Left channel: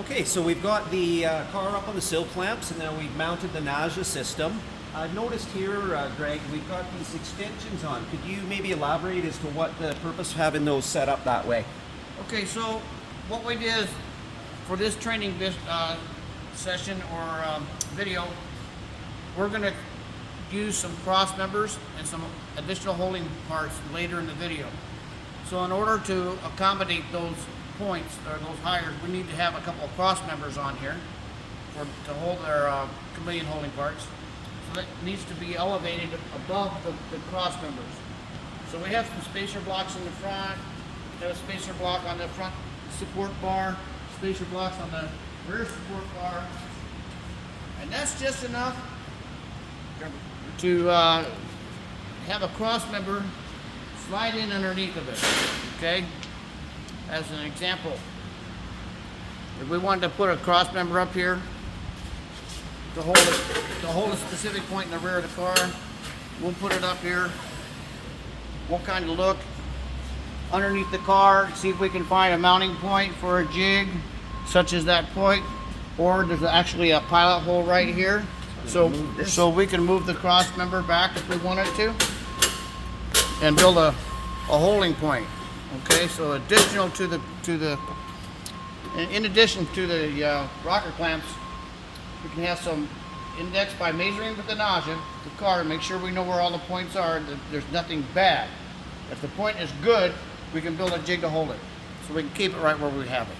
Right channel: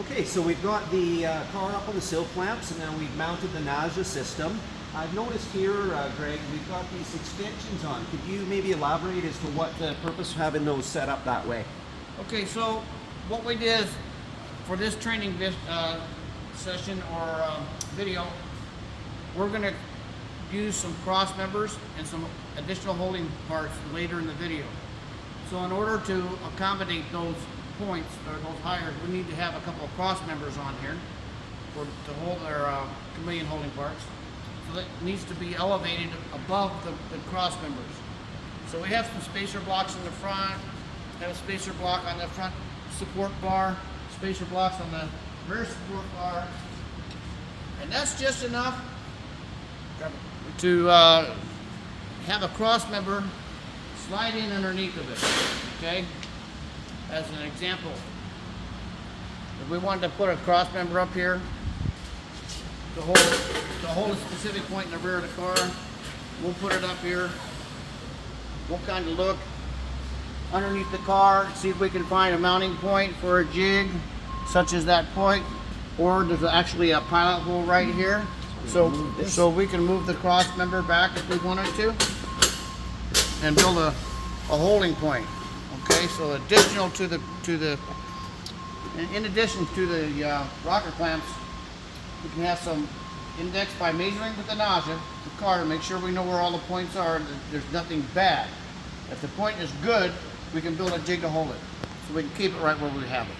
Okay, so we've got the car up on the sill clamps, and then we've mounted the NAJA system. I've noticed here, Greg, we've got these extensions on. Could you maybe elaborate as to what the purpose of having those set up that way? Okay, so what we did is, for this training session or video, we're going to use some cross members and some additional holding parts later in the video. So in order to accommodate those points or those hires, we need to have a couple of cross members on here to hold our chameleon holding parts. So that needs to be elevated above the cross members. So we have some spacer blocks in the front, have a spacer block on the front support bar, spacer blocks on the rear support bar, and that's just enough to have a cross member slide in underneath of it, okay? As an example, if we wanted to put a cross member up here to hold a specific point in the rear of the car, we'll put it up here. We'll kind of look underneath the car, see if we can find a mounting point for a jig, such as that point, or there's actually a pilot hole right here. So we can move the cross member back if we wanted to, and build a holding point. Okay, so additional in addition to the rocker clamps, we can have some index by measuring with the NAJA, the car, to make sure we know where all the points are, that there's nothing bad. If the point is good, we can build a jig to hold it, so we can keep it right where we have it.